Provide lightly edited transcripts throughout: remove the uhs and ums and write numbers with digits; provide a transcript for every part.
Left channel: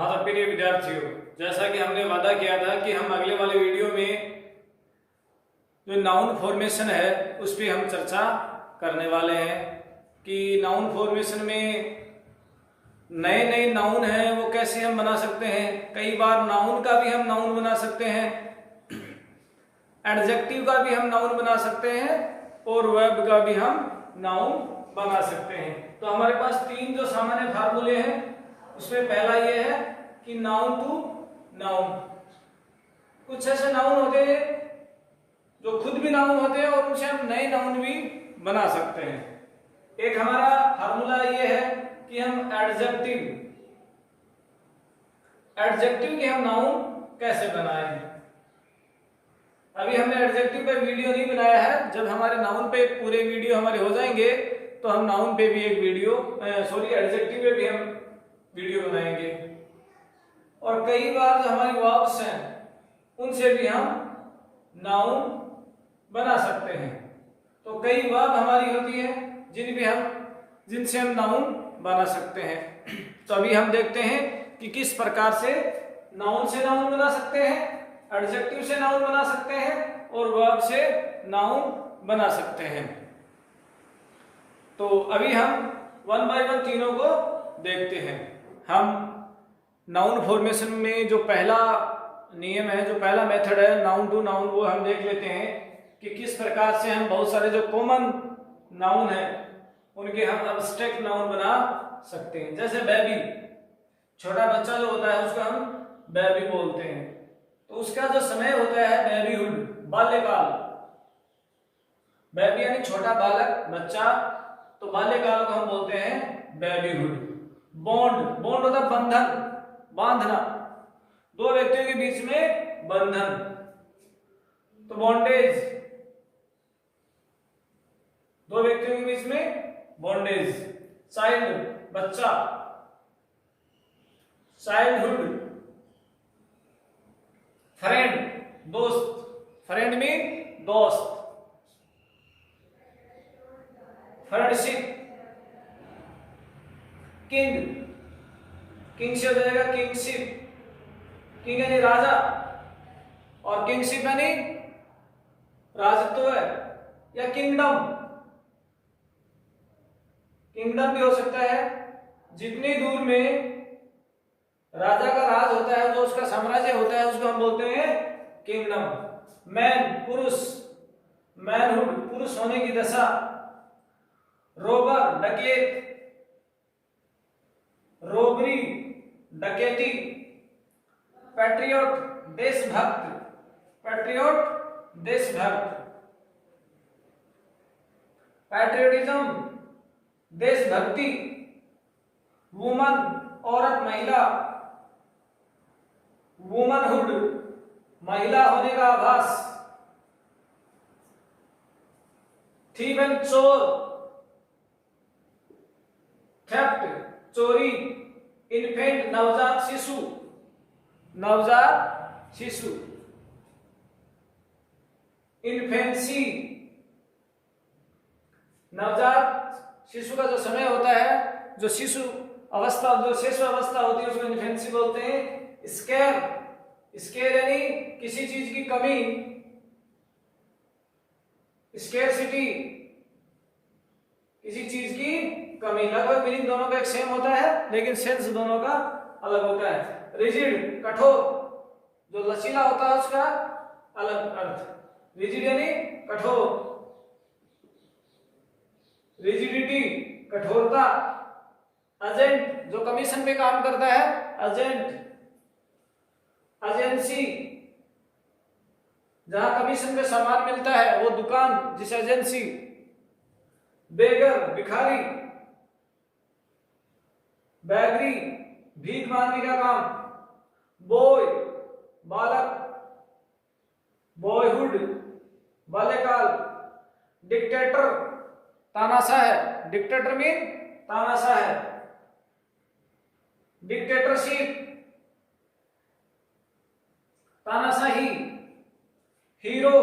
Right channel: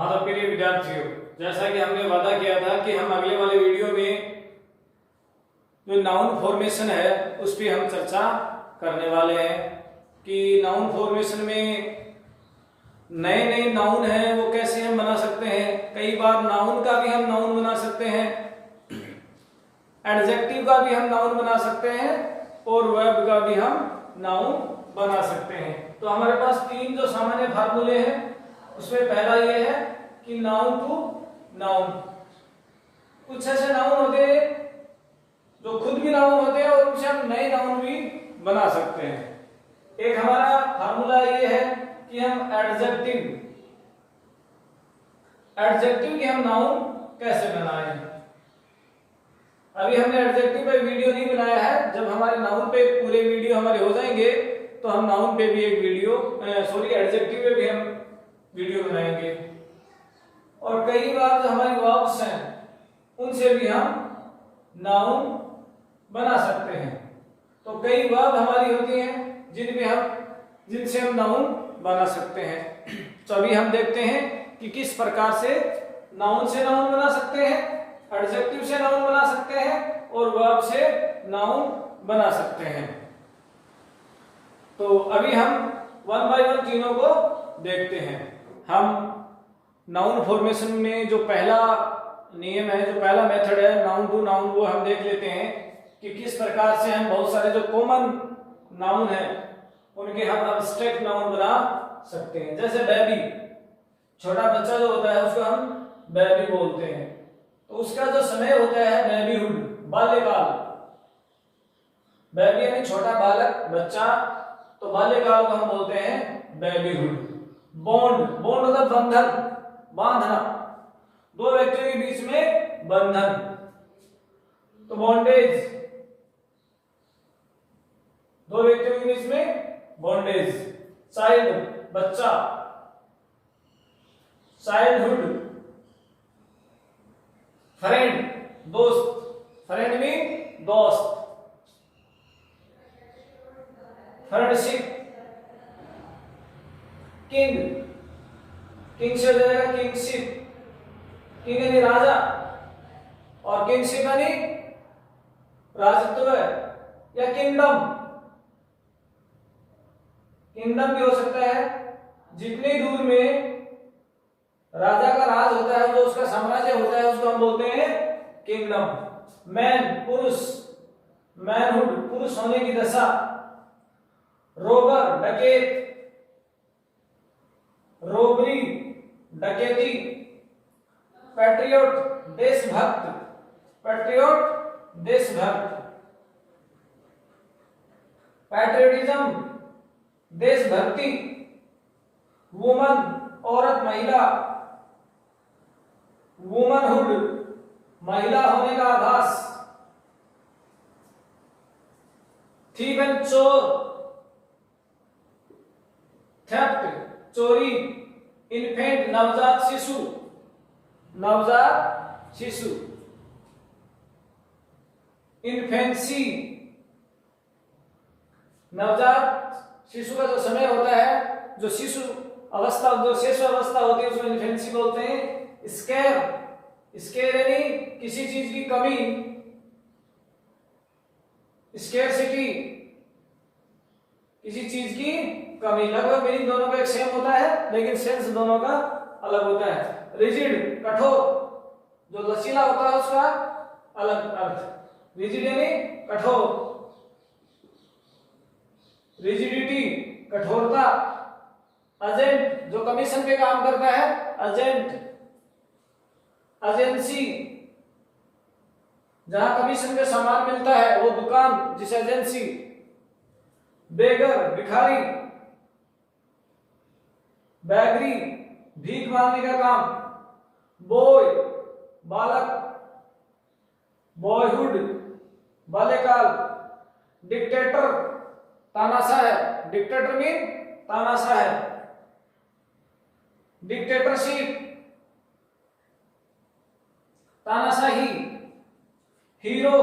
हाँ तो प्रिय विद्यार्थियों, जैसा कि हमने वादा किया था कि हम अगले वाले वीडियो में जो नाउन फॉर्मेशन है उस पर हम चर्चा करने वाले हैं कि नाउन फॉर्मेशन में नए नए नाउन हैं वो कैसे हम बना सकते हैं। कई बार नाउन का भी हम नाउन बना सकते हैं, एडजेक्टिव का भी हम नाउन बना सकते हैं और वर्ब का भी हम नाउन बना सकते हैं। तो हमारे पास तीन जो सामान्य फार्मूले हैं उसमें पहला ये है कि नाउन टू नाउन। कुछ ऐसे नाउन होते हैं जो खुद भी नाउन होते हैं और उनसे हम नए नाउन भी बना सकते हैं। एक हमारा फार्मूला ये है कि हम एडजेक्टिव के हम नाउन कैसे बनाएं। अभी हमने एडजेक्टिव पे वीडियो नहीं बनाया है, जब हमारे नाउन पे पूरे वीडियो हमारे हो जाएंगे तो हम नाउन पे भी एक वीडियो एडजेक्टिव पे भी हम वीडियो बनाएंगे। और कई बार जो हमारी वर्ब्स हैं उनसे भी हम नाउन बना सकते हैं। तो कई वर्ब हमारी होती हैं जिनसे हम नाउन बना सकते हैं। तो अभी हम देखते हैं कि किस प्रकार से नाउन बना सकते हैं, एडजेक्टिव से नाउन बना सकते हैं और वर्ब से नाउन बना सकते हैं। तो अभी हम वन बाय वन तीनों को देखते हैं। हम नाउन फॉर्मेशन में जो पहला नियम है, जो पहला मेथड है नाउन टू नाउन, वो हम देख लेते हैं कि किस प्रकार से हम बहुत सारे जो कॉमन नाउन है उनके हम एब्स्ट्रैक्ट नाउन बना सकते हैं। जैसे बेबी, छोटा बच्चा जो होता है उसको हम बेबी बोलते हैं, तो उसका जो समय होता है बेबीहुड, बाल्यकाल। बेबी यानी छोटा बालक, बच्चा, तो बाल्यकाल को हम बोलते हैं बेबीहुड। बॉन्ड होता है बंधन, बांधना, दो व्यक्तियों के बीच में बंधन, तो बॉन्डेज, दो व्यक्तियों के बीच में बॉन्डेज। चाइल्ड, बच्चा, चाइल्डहुड। फ्रेंड, दोस्त, फ्रेंड मीन दोस्त। फ्रेंडशिप। किंग से हो जाएगा किंगशिप, किंग यानी राजा और किंगशिप यानी राजत्व है, या किंगडम भी हो सकता है। जितने दूर में राजा का राज होता है, जो उसका साम्राज्य होता है, उसको हम बोलते हैं किंगडम। मैन, पुरुष, मैनहुड, पुरुष होने की दशा। रोबर, डकैत, रोबरी, डकैती। पैट्रियट, देशभक्त, पैट्रियटिज्म, देशभक्ति। वुमन, औरत, महिला, वुमनहुड, महिला होने का आभास। थीफ एंड चोर, थेफ्ट, चोरी। इन्फेंट, नवजात शिशु, इन्फेंसी, नवजात शिशु का जो समय होता है, जो शिशु अवस्था होती है उसको इन्फेंसी बोलते हैं। स्केर यानी किसी चीज की कमी, स्केरसिटी, किसी चीज की कमी। लगभग मीनिंग दोनों का एक सेम होता है लेकिन सेंस दोनों का अलग होता है। रिजिड, कठोर, जो लचीला होता है उसका अलग अर्थ। रिजिड यानी कठोर, रिजिडिटी, कठोरता। एजेंट, जो कमीशन पे काम करता है, एजेंट। एजेंसी, जहां कमीशन पे सामान मिलता है वो दुकान, जिस एजेंसी। बेगर, भिखारी। बैगरी, भीख मांगने का काम। बॉय, बालक, बॉयहुड, बाल्यकाल। डिक्टेटर, तानाशाह है, डिक्टेटर मीन तानाशाह है। डिक्टेटरशिप, तानाशाही। हीरो,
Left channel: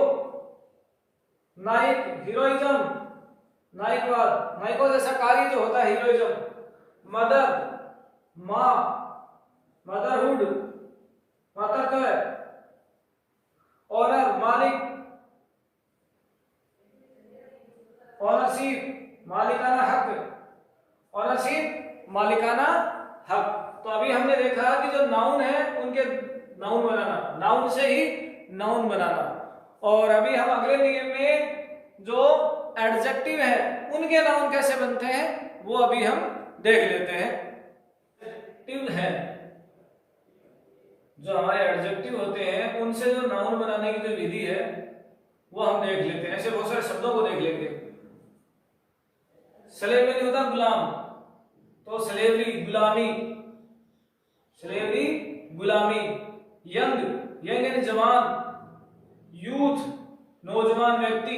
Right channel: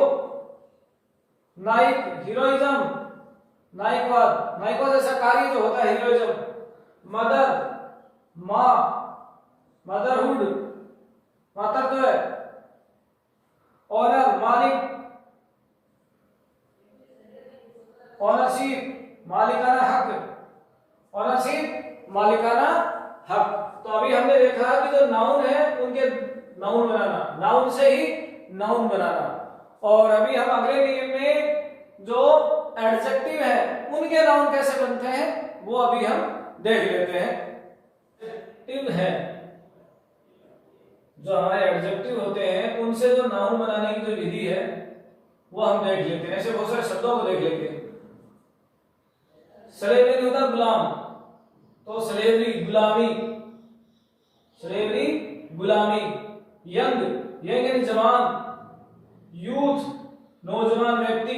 नायक, हीरोइज्म, नायकवाद जैसा कार्य जो होता है हीरोइज्म। मदर, माँ, मदरहुड मातृत्व, ऑनर मालिक, ऑनरशिप मालिकाना हक, ऑनरशिप मालिकाना हक। तो अभी हमने देखा कि जो नाउन है उनके नाउन बनाना, नाउन से ही नाउन बनाना। और अभी हम अगले नियम में जो एडजेक्टिव है उनके नाउन कैसे बनते हैं वो अभी हम देख लेते हैं। एडजेक्टिव है जो हमारे एडजेक्टिव होते हैं उनसे जो नाउन बनाने की जो विधि है वो हम देख लेते हैं। ऐसे बहुत सारे शब्दों को देख लेते हैं। स्लेवरी होता है गुलाम, तो स्लेवरी गुलामी, स्लेवरी गुलामी। यंग, यंग यानी जवान, यूथ नौजवान व्यक्ति।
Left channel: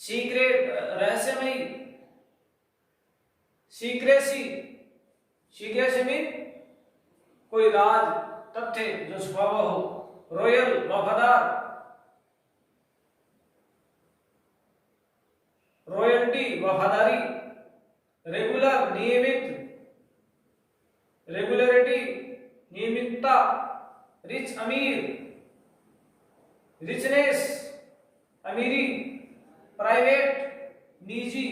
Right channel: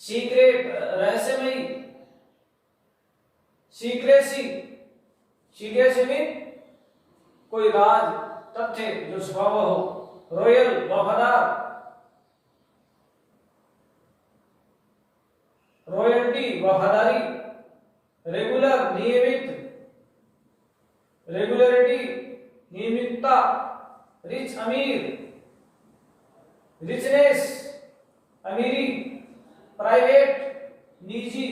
सीक्रेट रहस्यमयी, सीक्रेसी, सीक्रेसी मीन कोई राज तथ्य जो छुपा हुआ हो। रॉयल वफादार, रॉयल्टी वफादारी। रेगुलर नियमित, रेगुलरिटी नियमितता। रिच अमीर, रिचनेस अमीरी। प्राइवेट निजी,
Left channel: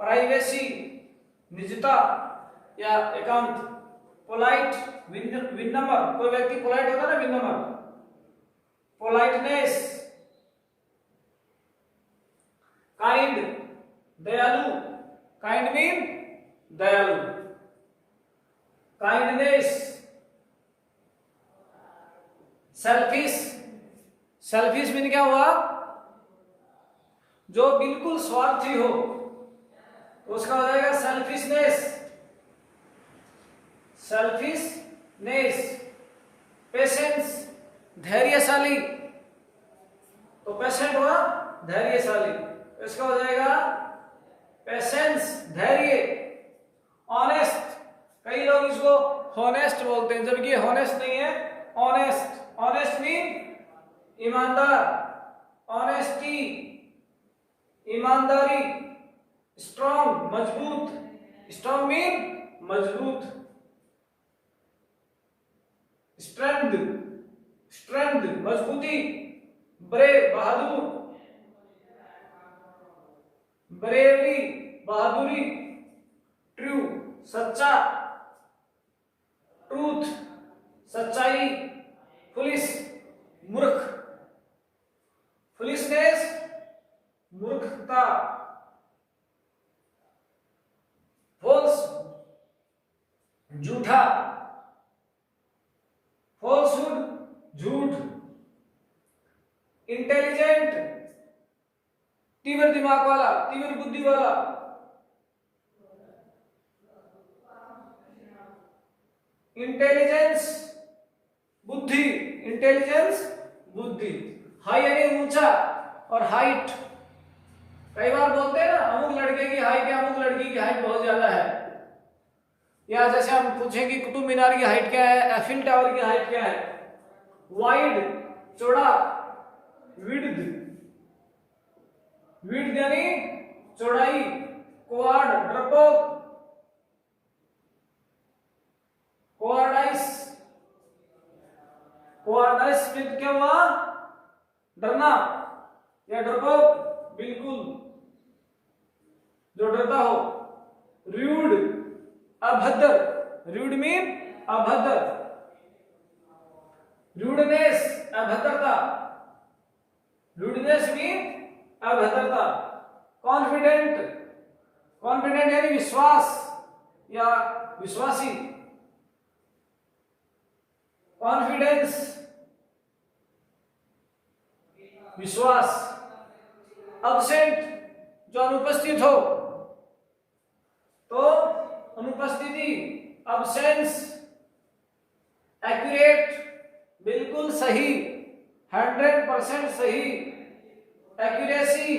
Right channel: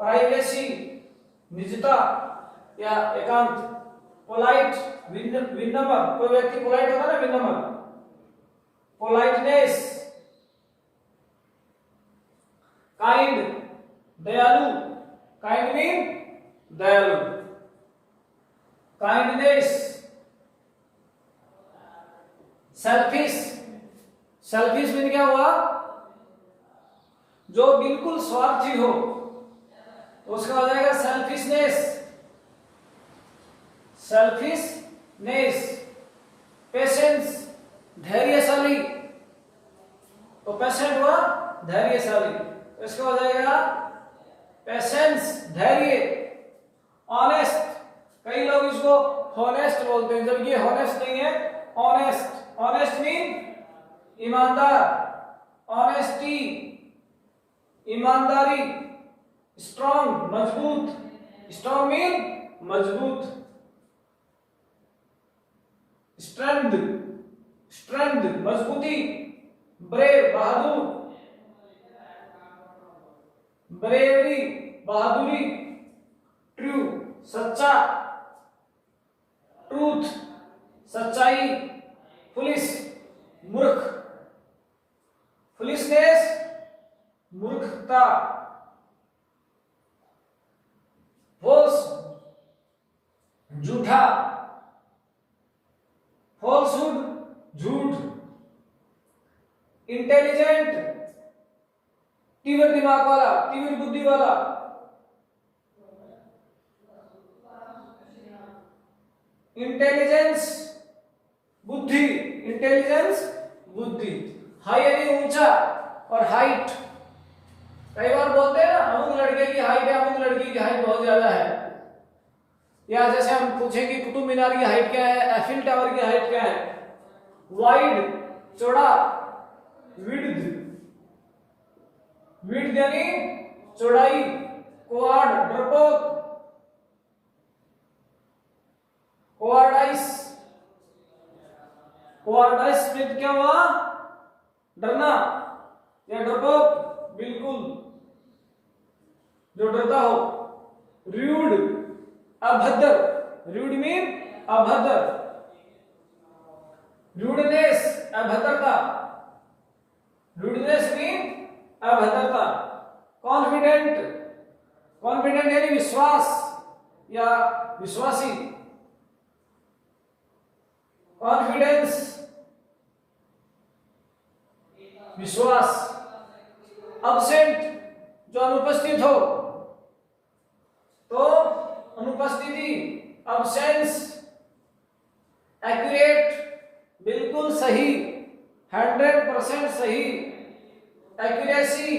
प्राइवेसी निजता या एकांत। पोलाइट विनम्र, कोई व्यक्ति पोलाइट होता है ना, विनम्र। पोलाइटनेस। काइंड दयालु, काइंड मीन दयालु। काइंडनेस। सेल्फिश, सेल्फिश मीन क्या हुआ, जो बिल्कुल स्वार्थी हो उसका हो जाएगा सेल्फिशनेस, सेल्फिशनेस। पेशेंस धैर्यशाली, तो पेशेंट हुआ धैर्यशाली, इसका हो जाएगा पेशेंस धैर्य। ऑनेस्ट, कई लोग इसको हॉनेस्ट बोलते हैं जबकि हॉनेस्ट नहीं है, ऑनेस्ट। ऑनेस्ट मीन ईमानदार, ऑनेस्टी ईमानदारी। स्ट्रॉन्ग मजबूत, स्ट्रॉन्ग मीन मजबूत। स्ट्रेंथ, स्ट्रेंथ मजबूती। ब्रेव बहादुर, ब्रेवरी बहादुरी। ट्रू सच्चा, ट्रूथ सच्चाई। फुलिश मूर्ख, फुलिशनेस मूर्खता। फॉल्स झूठा, फॉल्सहुड झूठ। इंटेलिजेंट तीव्र दिमाग वाला, तीव्र बुद्धि वाला। इंटेलिजेंस बुद्धि, इंटेलिजेंस बुद्धि। हाई यानी ऊंचा और हाइट, कई बार बोलते हैं ना अमुक लड़के की हाइट है, अमुक लड़की की हाइट बहुत ज्यादा है। या जैसे हम पूछेंगे कुतुब मीनार की हाइट क्या है, एफिल टावर की हाइट क्या है। वाइड चौड़ा, विड्थ, विड्थ यानी चौड़ाई। कोआर्ड डरपोक, कोआर्डाइस, कोआर्डाइस मीन क्या हुआ, डरना या डरपोक बिल्कुल जो डरता हो। रूड अभद्र, रूड मीन अभद्र। रूडनेस अभद्रता, रूडनेस मीन अभद्रता। कॉन्फिडेंट, कॉन्फिडेंट यानी विश्वास या विश्वासी। कॉन्फिडेंस विश्वास। अब्सेंट जो अनुपस्थित हो, तो अनुपस्थिति अब्सेंस। एक्यूरेट बिल्कुल सही, 100% सही। एक्यूरेसी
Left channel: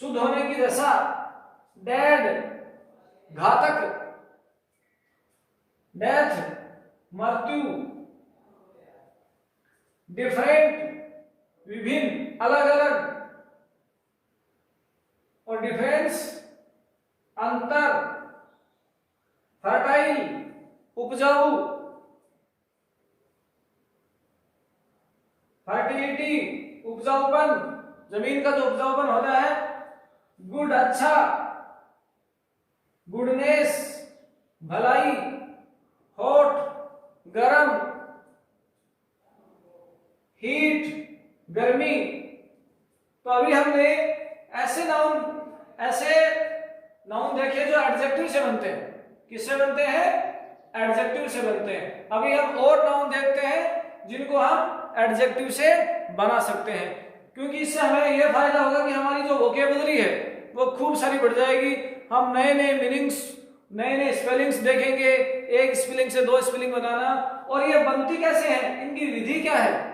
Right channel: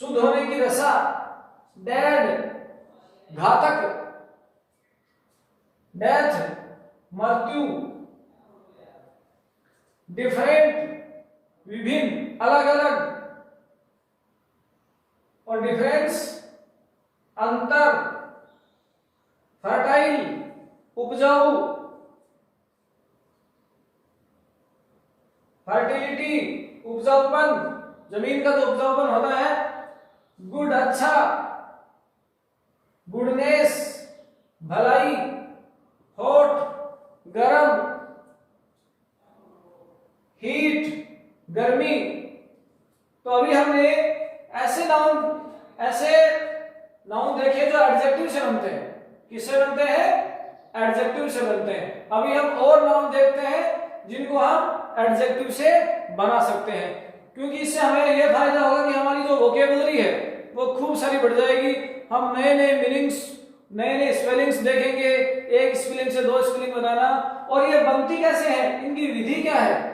शुद्ध होने की दशा। डेड घातक, डेथ मृत्यु। डिफरेंट विभिन्न, अलग अलग। और डिफरेंस अंतर, फर्टाइल उपजाऊ, फर्टिलिटी उपजाऊपन, जमीन का जो उपजाऊपन होता है। गुड अच्छा, गुडनेस भलाई, हॉट गरम, हीट गर्मी। तो अभी हमने ऐसे नाउन देखे जो एडजेक्टिव से बनते हैं। किससे बनते हैं? एडजेक्टिव से बनते हैं। अभी हम और नाउन देखते हैं जिनको हम एडजेक्टिव से बना सकते हैं, क्योंकि इससे हमें यह फायदा होगा कि हमारी जो वोकेबुलरी है वो खूब सारी बढ़ जाएगी। हम नए नए मीनिंग्स, नए नए स्पेलिंग्स देखेंगे, एक स्पेलिंग से दो स्पेलिंग बनाना, और ये बनती कैसे है, इनकी विधि क्या है,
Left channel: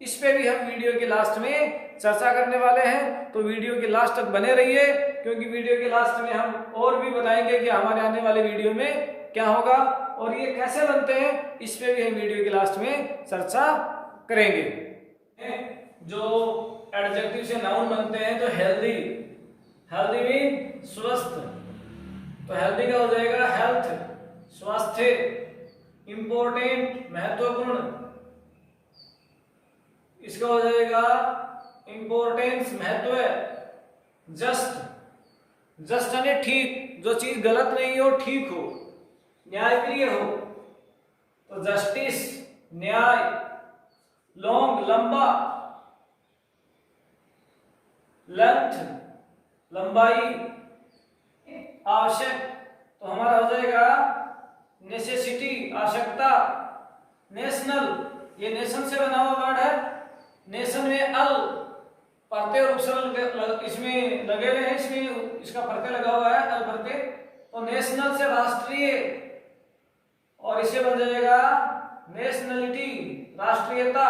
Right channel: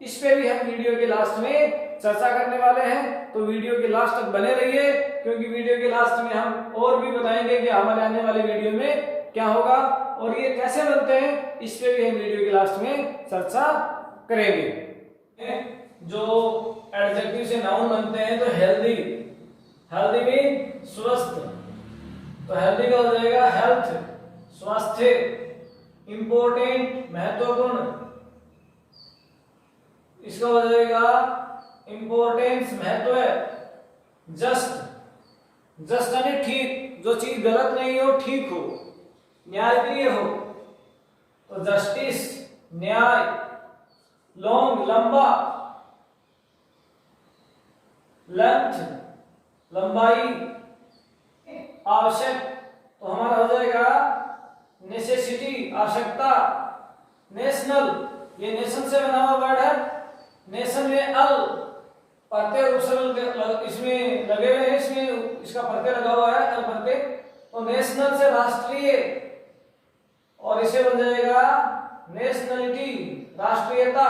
इस पे भी हम वीडियो के लास्ट में चर्चा करने वाले हैं। तो वीडियो के लास्ट तक बने रहिए, क्योंकि वीडियो के लास्ट में हम और भी बताएंगे कि हमारे आने वाले वीडियो में क्या होगा और ये कैसे बनते हैं, इस पे भी हम वीडियो के लास्ट में चर्चा करेंगे। जो एडजेक्टिव से नाउन बनते हैं, तो हेल्दी, हेल्दी मीन स्वस्थ, तो हेल्दी का हो जाएगा हेल्थ स्वास्थ्य, इंपॉर्टेंट महत्वपूर्ण, इसका हो जाएगा इंपॉर्टेंस महत्व, जस्ट, जस्ट यानी ठीक, जो चीज गलत नहीं हो ठीक हो, न्यायप्रिय हो, तो जस्टिस न्याय, लॉन्ग लंबा, लेंथ लंबाई, आवश्यक, तो हमारा हो जाएगा नेसेसिटी आवश्यकता, नेशनल, ये नेशन से बना हुआ वर्ड है, नेशन में अल प्रत्यय और उपसर्ग इसमें लगे हुए हैं, इसमें इसका प्रत्यय लगा हुआ है अल प्रत्यय, तो नेशनल से राष्ट्रीय, और इसे बन जाएगा नेशनलिटी राष्ट्रीयता।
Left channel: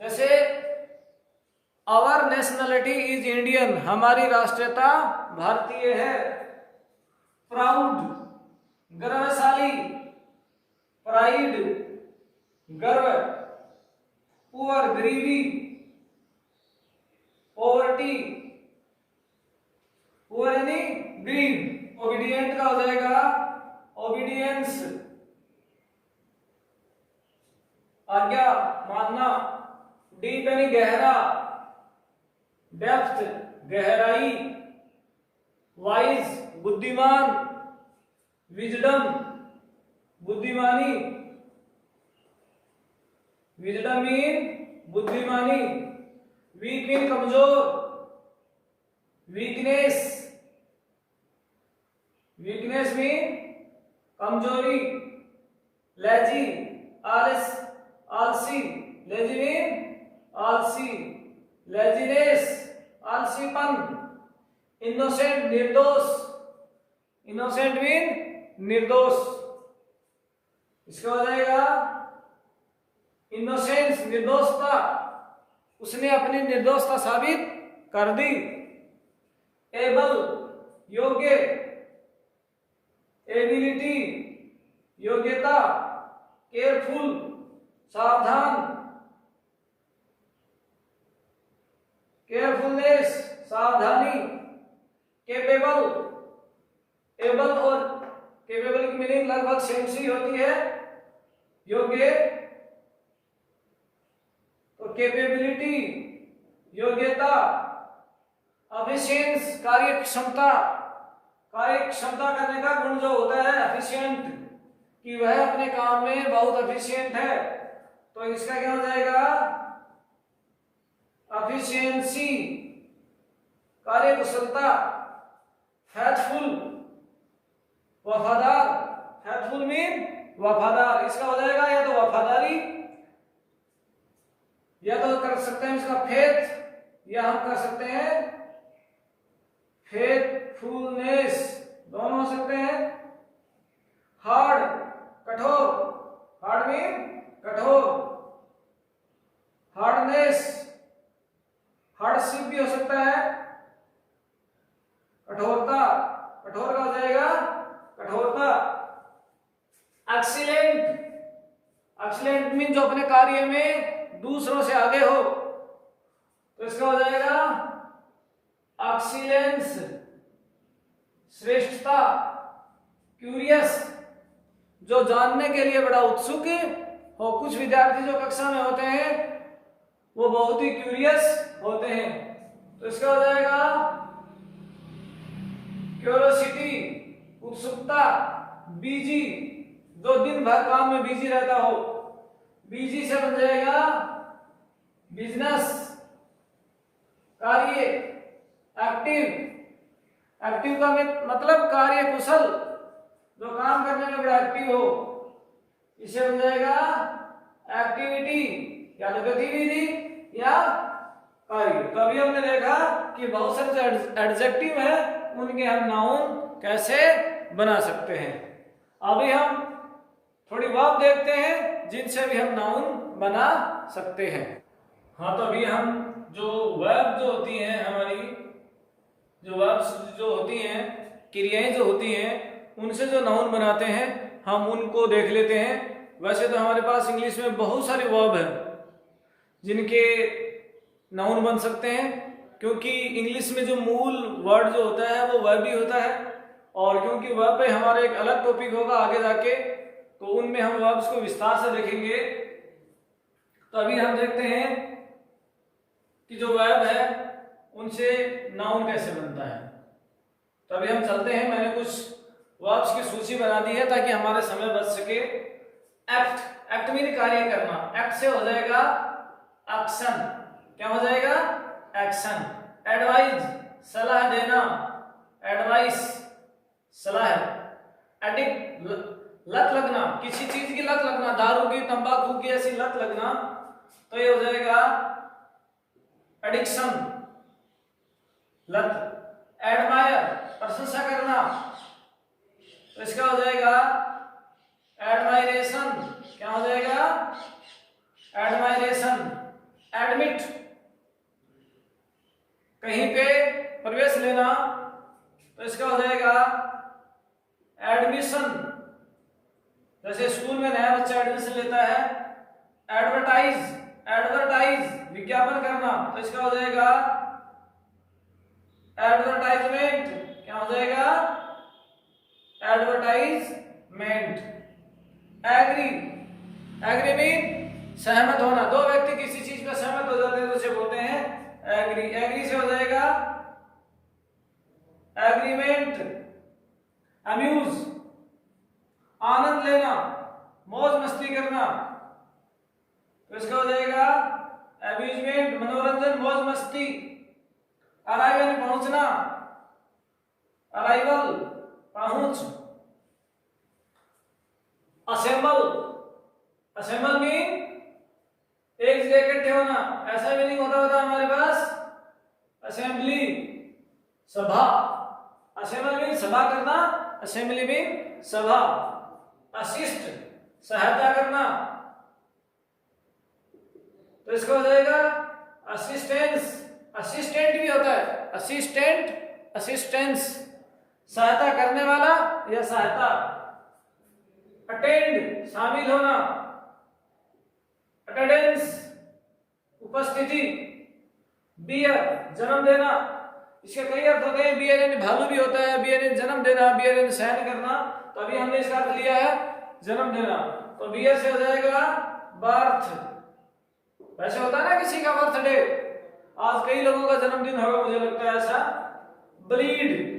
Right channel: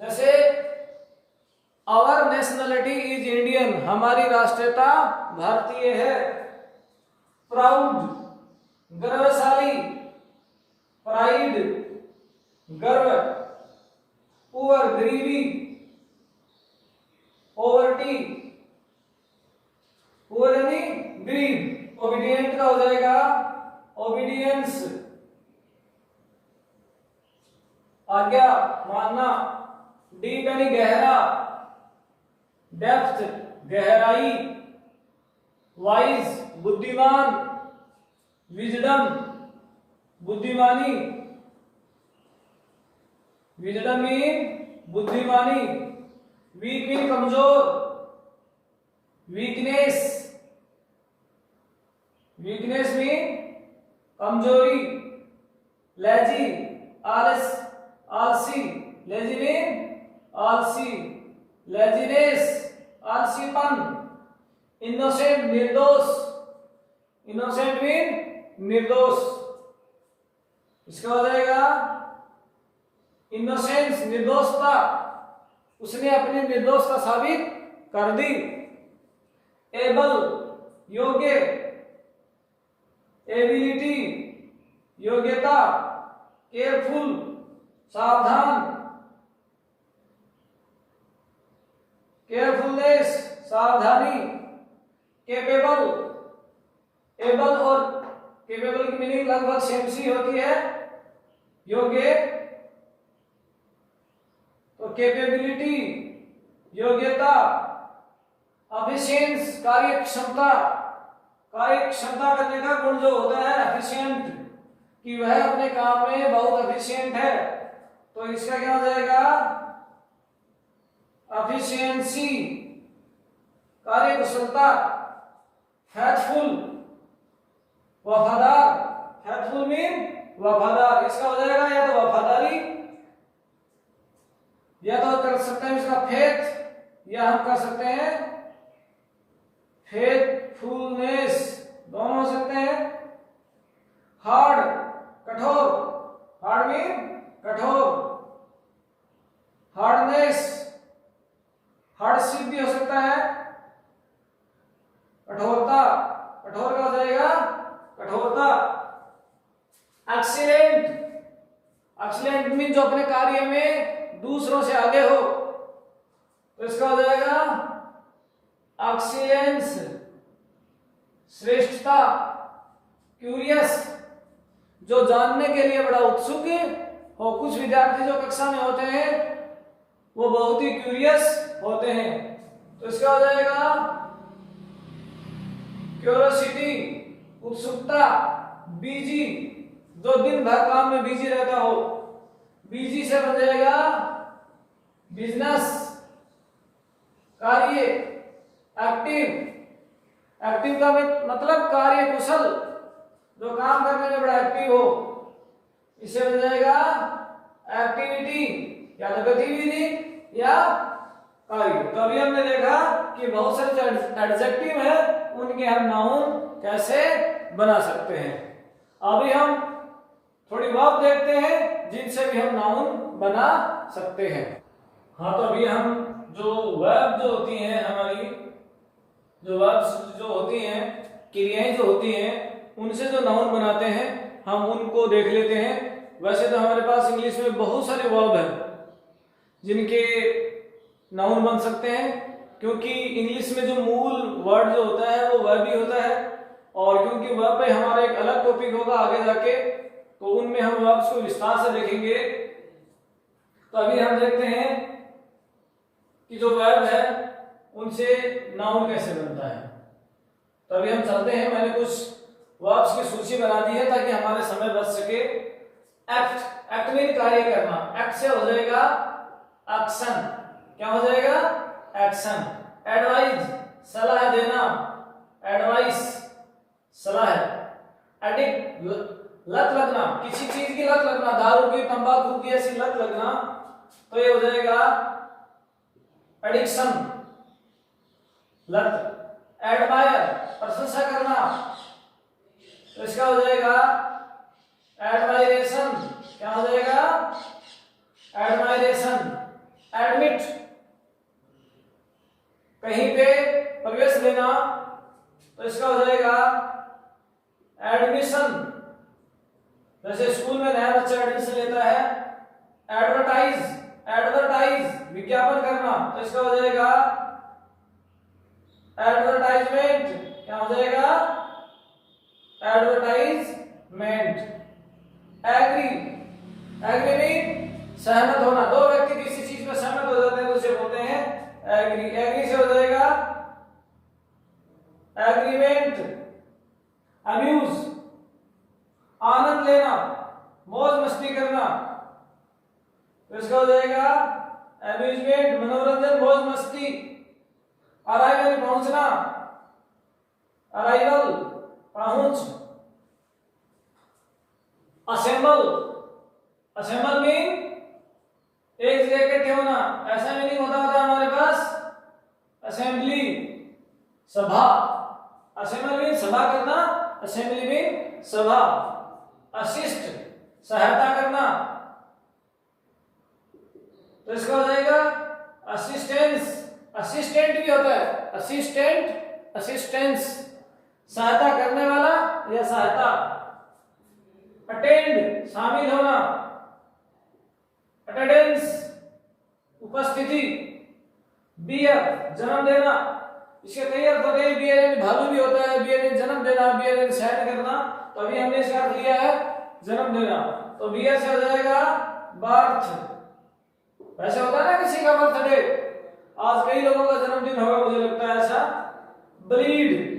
जैसे आवर नेशनलिटी इज इंडियन, हमारी राष्ट्रीयता भारतीय है। प्राउड गर्वशाली, प्राइड गर्व, पुअर गरीबी, पॉवर्टी, पुअर यानी गरीब, ओबीडिएंट का हो जाएगा ओबीडियंस, आज्ञा मानना, डीप यानी गहरा, डेप्थ गहराई, वाइज बुद्धिमान, विजडम बुद्धिमानी, विजडम मीन बुद्धिमानी, वीक मीन कमजोर, वीकनेस, वीकनेस मीन कमजोरी, लेजी आलस आलसी, लेजी मीन आलसी, लेजीनेस आलसीपन, इनोसेंट निर्दोष, इनोसेंट मीन निर्दोष, इसका हो जाएगा इनोसेंस निर्दोषता, उसने अपनी निर्दोषता साबित कर दी। एबल योग्य, एबिलिटी योग्यता, केयरफुल सावधान, केयरफुलनेस सावधानी, केपेबल, एबल और केपेबल की मीनिंग लगभग सेम सी होती है, योग्य, तो केपेबिलिटी योग्यता, एफिशिएंस कार्य क्षमता, कार्य क्षमता करने का गुण जो होता है एफिशिएंट, कि वह अपने काम में बहुत एफिशिएंट है, तो इसका क्या हो जाएगा एफिशिएंसी कार्य कुशलता, फेथफुल वफादार, फेथफुल मीन वफादार, इसका हो जाएगा या तो वफादारी, या तो कर सकते हैं इसका फेथ, या हम कर सकते हैं फेथफुलनेस, दोनों हो सकते हैं। हार्ड कठोर, हार्ड मीन कठोर, हार्डनेस हार्डशिप भी हो सकता है, कठोरता, कठोर का हो जाएगा कठोरता। एक्सीलेंट, एक्सीलेंट मीन जो अपने कार्य में दूसरों से आगे हो, तो इसका हो जाएगा एक्सीलेंस श्रेष्ठता। क्यूरियस जो जानने के लिए बड़ा उत्सुक और कुछ विद्यार्थी जो कक्षा में होते हैं वो बहुत ही क्यूरियस होते हैं। तो इसका हो जाएगा क्यूरियोसिटी, उत्सुकता। बिजी, जो दिन भर काम में बिजी रहता हो, बिजी से बन जाएगा बिजनेस, कार्य। एक्टिव, एक्टिव का मतलब कार्य कुशल, जो काम करने में बड़ा एक्टिव हो, इसे बन जाएगा एक्टिविटी, या तो गतिविधि या कार्य। तो अभी हमने देखा कि बहुत सारे जो एडजेक्टिव है उनके हम नाउन कैसे बना सकते हैं। अभी हम थोड़ी वर्ब देखते हैं जिनसे भी हम नाउन बना सकते हैं। हाँ, तो अभी हम जो वर्ब जो होती हैं हमारी, जो वर्ब्स जो होती हैं, क्रियाएं जो होती हैं, उनसे जो नाउन बनाते हैं हम उनको देख लेते हैं। वैसे तो हमारे पास इंग्लिश में बहुत सारे वर्ब हैं जिनके नाउन बन सकते हैं, क्योंकि इंग्लिश में जो मूल वर्ड जो होता है वो वर्ब ही होता है। और क्योंकि वर्ब पे हमारा एक अलग टॉपिक होगा आगे जाके, तो उनमें हम वर्ब्स को विस्तार से देखेंगे। तो अभी हम देखते हैं कि जो वर्ब है उनसे नाउन कैसे बनता है। तो अभी हम चलते हैं, मैंने कुछ वर्ब्स की सूची बना दी है ताकि हमारे समय बच सके। एक्ट, एक्ट मीन कार्य करना, एक्ट से हो जाएगा एक्शन, क्या हो जाएगा एक्शन। एडवाइज, सलाह देना, एडवाइस सलाह। एडिक्ट, लत लगना, किसी चीज की लत लगना, दारू की, तंबाकू की ऐसी लत लगना, तो ये हो जाएगा एडिक्शन, लत। एडमायर, प्रशंसा करना, तो इसका हो जाएगा एडमायरेशन, क्या हो जाएगा एडमायरेशन। एडमिट, कहीं पे प्रवेश लेना, तो इसका हो जाएगा एडमिशन, जैसे स्कूल में नया बच्चा एडमिशन लेता है। एडवर्टाइज, एडवर्टाइज विज्ञापन करना, तो इसका हो जाएगा एडवर्टाइजमेंट, क्या हो जाएगा एडवर्टाइजमेंट। एग्री, एग्री मीन सहमत होना, दो व्यक्ति किसी चीज में सहमत हो जाते हैं तो उसे बोलते हैं एग्री। एग्री से हो जाएगा एग्रीमेंट। अम्यूज, आनंद लेना, मौज मस्ती करना, तो इसका हो जाएगा अम्यूजमेंट, मनोरंजन, मौज मस्ती। अराइवल, पहुंचना, अराइवल पहुंच। असेंबल, असेंबल मीन एक जगह इकट्ठे होना, ऐसा मीनिंग होता है हमारे पास असेंबली, सभा। असेंबल मीन सभा करना, असेंबली मीन सभा। असिस्ट, सहायता करना, तो इसका हो जाएगा असिस्टेंस। असिस्टेंट भी होता है, असिस्टेंट, असिस्टेंस, सहायता करने वाला या सहायता। अटेंड, शामिल होना, अटेंडेंस, उपस्थिति। बियर, जन्म देना, इसके कई अर्थ होते हैं। बियर यानी भालू भी होता है, बियर यानी जन्म देना, बियर यानी शयन करना, तो अभी हमने इसका अर्थ लिया है जन्म देना, तो बियर से हो जाएगा बर्थ। वैसे होता है ना किसी का बर्थडे, आज कई लोगों का जन्मदिन होगा मुझे लगता है ऐसा। ब्लीड,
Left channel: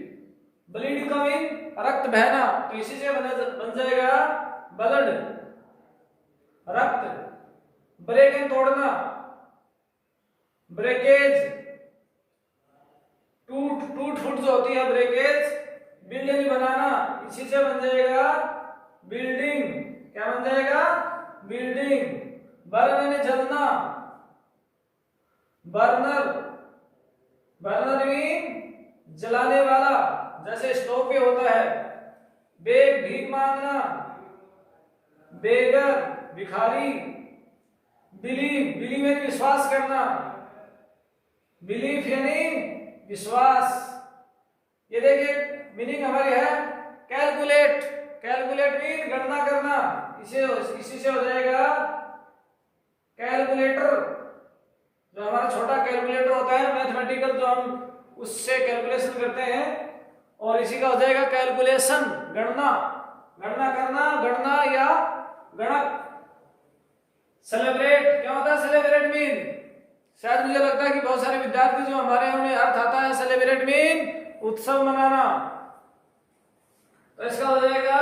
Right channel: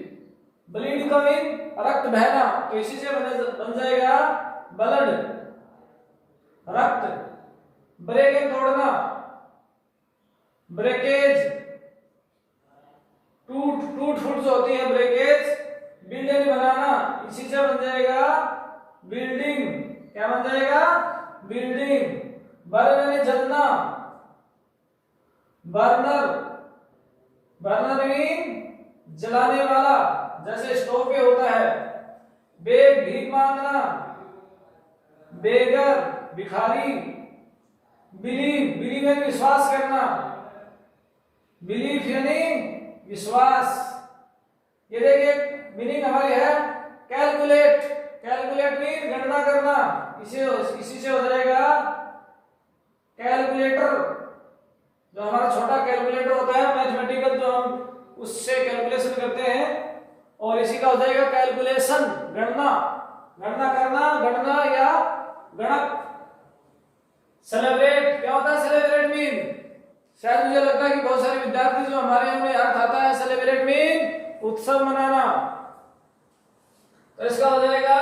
ब्लीड का मीन रक्त बहना, तो इसी से बन जाएगा ब्लड, रक्त। ब्रेक एंड तोड़ना, ब्रेकेज। टूट, टूट फूट जो होती है ब्रेकेज। बिल्डिंग बनाना, इसी से बन जाएगा बिल्डिंग, क्या बन जाएगा बिल्डिंग। बर्न यानी जलना, बर्नर, बर्नर मीन जलाने वाला, जैसे स्टोव पे होता है। बेग, भीख मांगना, बेगर, भिखारी। बिलीव, बिलीव यानी विश्वास करना, बिलीफ यानी विश्वास। ये देखिए मीनिंग हमारी है कैलकुलेट, कैलकुलेट मीन गणना करना, इसी से हो जाएगा कैलकुलेटर। जो हमारा छोटा कैलकुलेटर होता है मैथमेटिकल, जो हम उससे कैलकुलेशन करते हैं, और इसी का हो जाएगा कैलकुलेशन, गणना, गणना करना, गणना या गणक। सेलिब्रेट क्या होता है? सेलिब्रेट मीन, शायद मुझे लगता है कि बहुत सारे विद्यार्थी जो हमारे यहाँ उन्हें अर्थ आता है। सेलिब्रेट मीन उत्सव मनाना, तो इसका हो जाएगा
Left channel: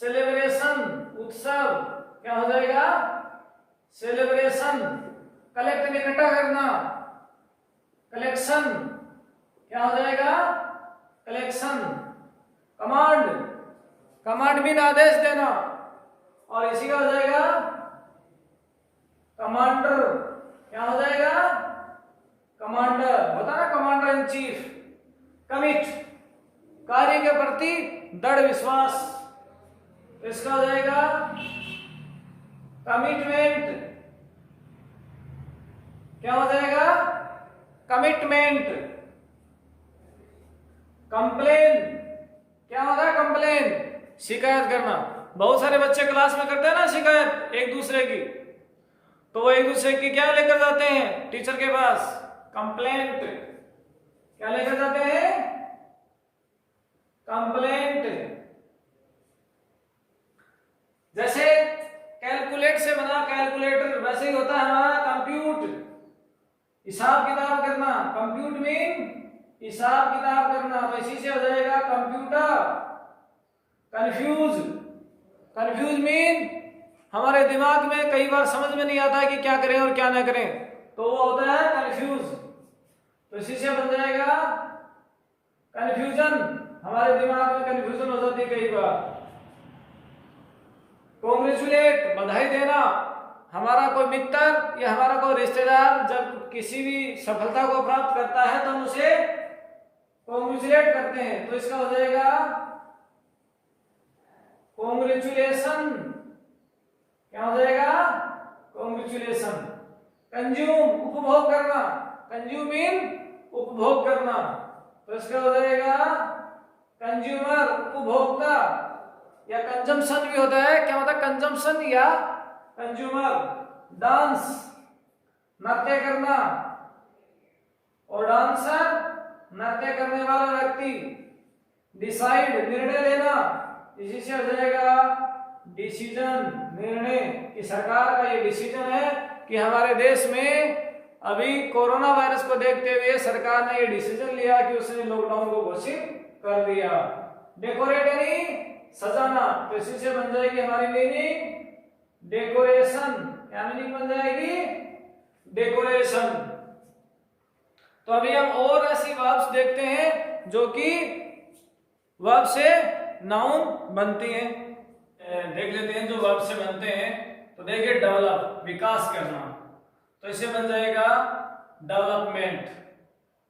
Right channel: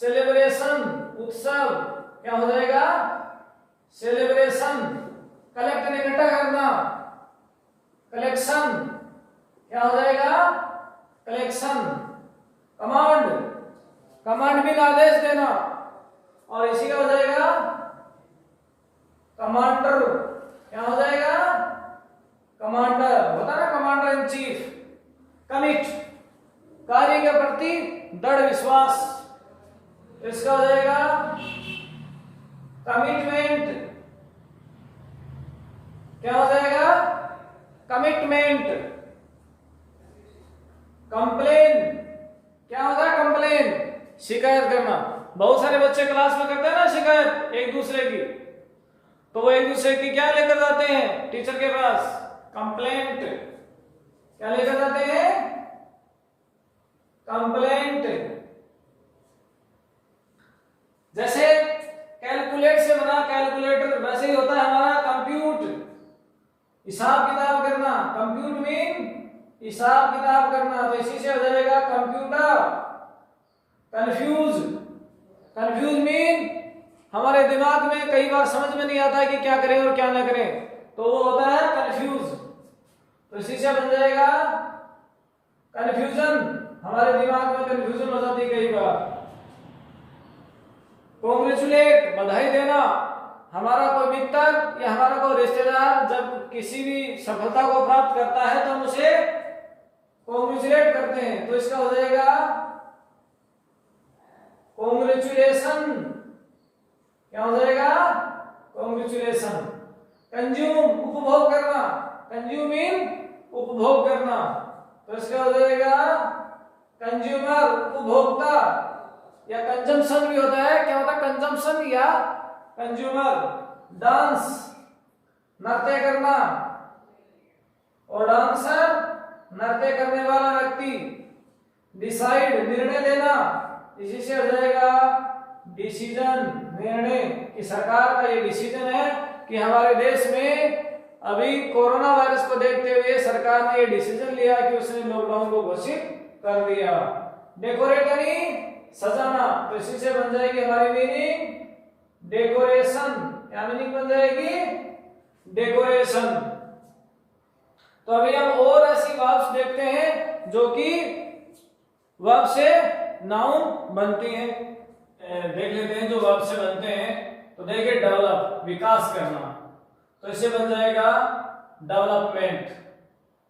सेलिब्रेशन, उत्सव। क्या हो जाएगा? सेलिब्रेशन। कलेक्ट इकट्ठा करना, कलेक्शन। क्या हो जाएगा? कलेक्शन। कमांड, कमांड मीन आदेश देना, और इसी का हो जाएगा कमांडर। क्या हो जाएगा? कमांडर होता ना, कमांडर इन चीफ। कमिट, कार्य के प्रति दृढ़ विश्वास, इसका हो जाएगा कमिटमेंट। क्या हो जाएगा? कमिटमेंट। कंप्लेन, क्या होता है? कंप्लेन, शिकायत करना। बहुत सारे बच्चे क्लास में करते हैं ना शिकायत एक दूसरे की, तो वो एक दूसरे की क्या लेकर जाते हैं टीचर के पास? कंप्लेंट। क्या लेकर जाते हैं? कंप्लेंट। जैसे कैलकुलेट से बना कैलकुलेटर, वैसे ही होता है हमारा कंप्यूट, हिसाब किताब करना। कंप्यूट मीन हिसाब किताब करना, तो इसी से हो जाएगा कंप्यूटर। कंफ्यूज, कंफ्यूज मीन हमारे दिमाग में कई बार समझ में नहीं आता है कि क्या करें और क्या ना करें, तो वो होता है कंफ्यूज। तो इसी से बन जाएगा कंफ्यूजन, हमारे दिमाग में कंफ्यूजन हो जाती है कई बार। कॉन्ग्रेचुलेट, बधाई देना। हमारा कोई मित्र या हमारा कोई रिश्तेदार जब किसी भी सफलता को प्राप्त करता है तो हम उसे कॉन्ग्रेचुलेट करते हैं, तो इसका हो जाएगा कॉन्ग्रेचुलेशन। क्या हो जाएगा? कॉन्ग्रेचुलेशन। कंज्यूम, उपभोग करना। कंज्यूम मीन उपभोग करना, तो इसका हो जाएगा कंज्यूमर, उपभोक्ता। या कंजम्पशन भी होता है। क्या होता है? कंजम्पशन या कंज्यूमर। डांस, नृत्य करना, और डांसर नृत्य करने वाला व्यक्ति। डिसाइड, निर्णय लेना, इसी से हो जाएगा डिसीजन, निर्णय। कि सरकार का ये डिसीजन है कि हमारे देश में अभी कोरोना वायरस को देखते हुए सरकार ने ये डिसीजन लिया कि उसने लॉकडाउन को घोषित कर दिया। डेकोरेट यानी सजाना, तो इसी से बन जाएगी हमारी मीनिंग डेकोरेशन। क्या मीनिंग बन जाएगी? डेकोरेशन। तो अभी हम और ऐसी वर्ब्स देखते हैं जो कि वर्ब से नाउन बनती हैं। देख लेते हैं जो वर्ब से बनते हैं। तो देखिए, डेवलप, विकास करना, तो इसे बन जाएगा डेवलपमेंट।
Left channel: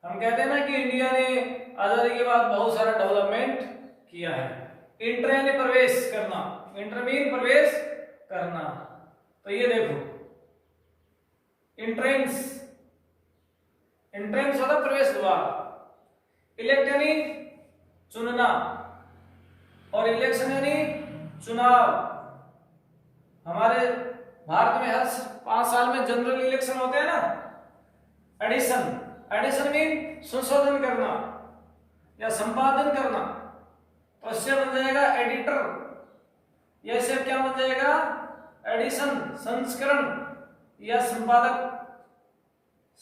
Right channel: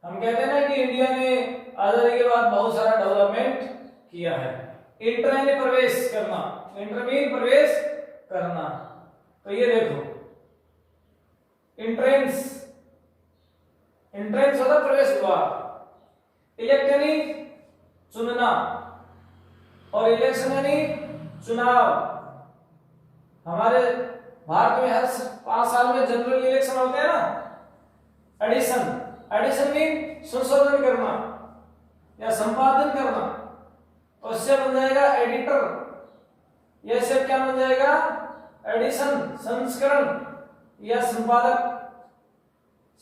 हम कहते हैं ना कि इंडिया ने आजादी के बाद बहुत सारा डेवलपमेंट किया है। इंटर यानी प्रवेश करना, इंटर मीन प्रवेश करना, तो ये देखो इंट्रेंस, इंट्रेंस होता प्रवेश द्वार। इलेक्ट यानी चुनना, और इलेक्शन यानी चुनाव। हमारे भारत में हर 5 साल में जनरल इलेक्शन होते हैं ना। एडिशन, एडिशन मीन संशोधन करना या संपादन करना, तो इससे बन जाएगा एडिटर। यह सब क्या बन जाएगा? एडिशन, संस्करण या संपादक,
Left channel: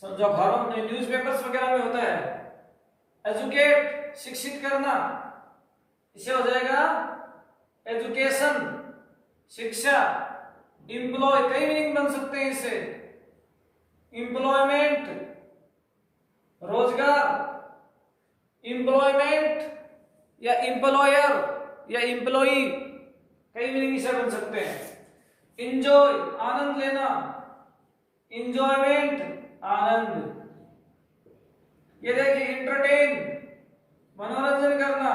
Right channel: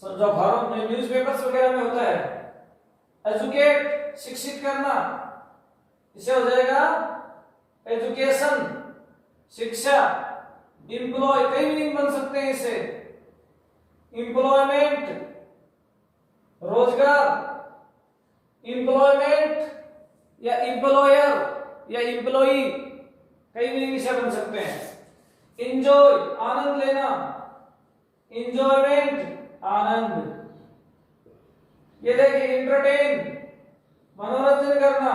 जो घरों में न्यूज़पेपर्स वगैरह में होता है। एजुकेट, शिक्षित करना, इसे हो जाएगा एजुकेशन, शिक्षा। एम्प्लॉय, कई मीनिंग बन सकते हैं इसे। एम्प्लॉयमेंट, रोजगार। एम्प्लॉयमेंट या एम्प्लॉयर या एम्प्लॉई, कई मीनिंग से बन सकते हैं। एंजॉय, आनंद लेना। एंजॉयमेंट, आनंद। ये देखिए एंटरटेन, मनोरंजन करना,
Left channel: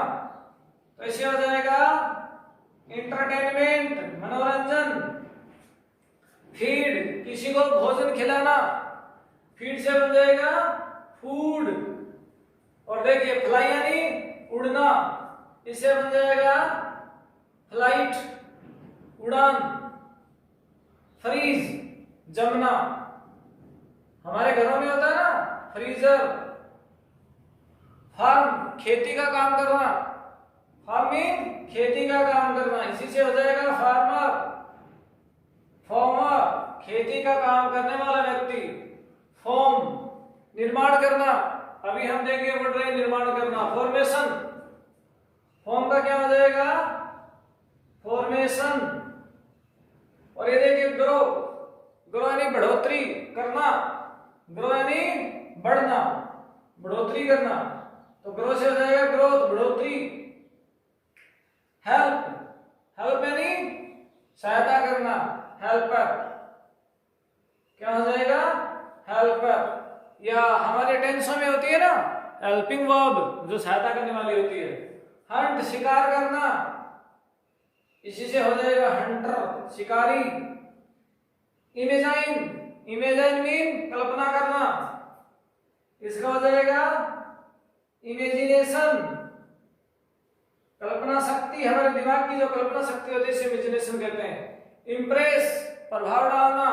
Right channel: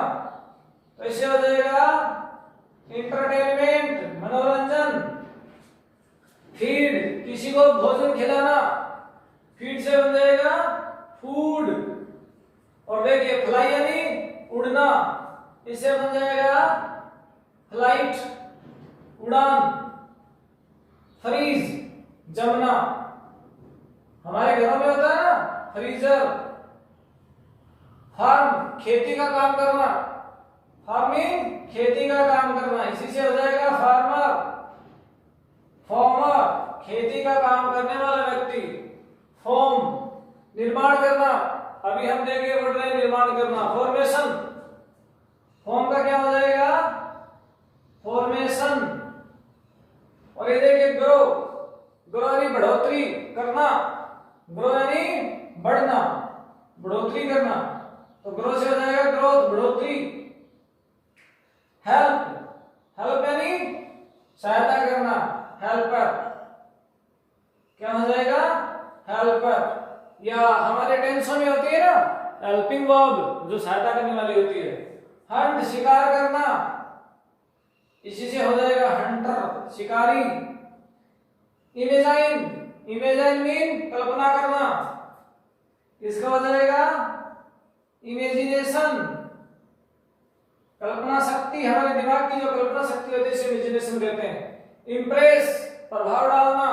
तो इसे हो जाएगा एंटरटेनमेंट, मनोरंजन। फीड, किसी को भोजन खिलाना, फीड से बन जाएगा फूड। और देखिए फ्लाई यानी उड़ना, इसे बन जाएगा फ्लाइट, उड़ान। फ्रीज, जमना, हमारे घरों में होता है ना फ्रीजर। फार्म, खेती का काम करना, फार्मिंग खेती का काम करना, इसी से हो जाएगा फार्मर। फार्मर खेती का काम करने वाला व्यक्ति। फॉर्म निर्माण करना, अभी हम देखेंगे पढ़ रहे हैं निर्माण करना। फॉर्मेशन, फॉर्म का क्या हो जाएगा? फॉर्मेशन। और ये देखिए ग्रो, ग्रो यानी बढ़ोतरी करना, ग्रो यानी बढ़ना, बढ़ोतरी करना, तो ग्रो से हो जाएगा ग्रोथ, बढ़ोतरी। हेल्प, हेल्प यानी सहायता करना, हेल्पर, क्या हो जाएगा? हेल्पर। या हमारे टेंसों में होती है ना हेल्पिंग वर्ब, जो सहायता करने वाली होती है। हंट शिकार करना, इसी से हो जाएगा हंटर, शिकारी। इमेजाइन, इमेजाइन मीन कल्पना करना, इसका हो जाएगा इमेजिनेशन। कल्पना शक्ति, हमारे दिमाग की जो कल्पना शक्ति होती है इसे इमेजिनेशन कहते हैं। इम्प्रेस, प्रभाव डालना,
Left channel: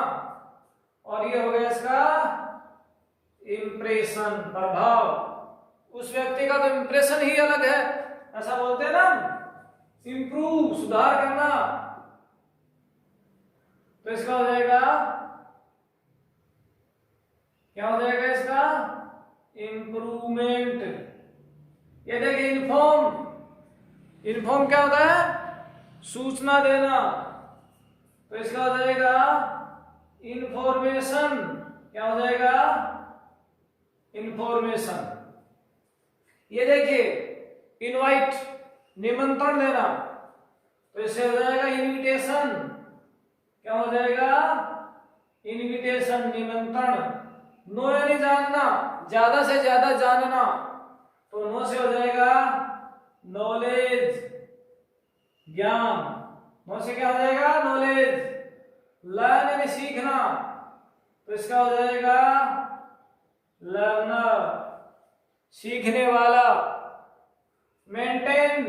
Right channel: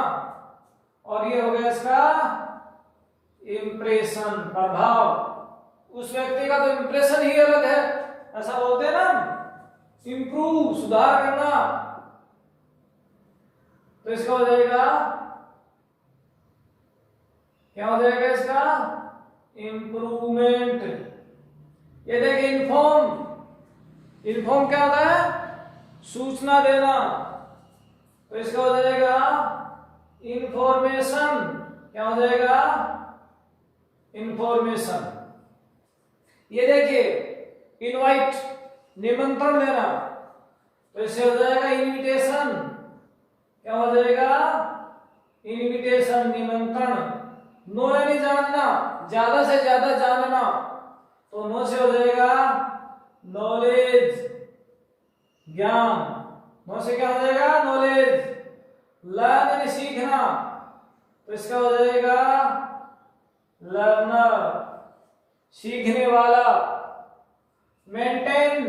और ये हो गया इसका इम्प्रेशन, प्रभाव। उस व्यक्ति का तो इम्प्रेशन ही अलग है, ऐसा बोलते हैं ना। इंप्रूव, सुधार करना, तो इसका हो जाएगा, क्या हो जाएगा इसका? इंप्रूवमेंट। ये देखिए इन्फॉर्म, इन्फॉर्म क्या होता है? सूचना देना, तो इसका हो जाएगा इंफॉर्मेशन। क्या हो जाएगा? इंफॉर्मेशन। ये देखिए इनवाइट, निमंत्रण देना, तो इससे हो जाएगा इनविटेशन। क्या हो जाएगा? इनविटेशन, निमंत्रण। नो यानी जानना, ज्यादा से ज्यादा जानना, तो नो से हो जाएगा नॉलेज, ज्ञान। नो से क्या हो जाएगा? नॉलेज। लर्न यानी सीखना, तो इसका हो जाएगा लर्नर, सीखने वाला। मेंटेन,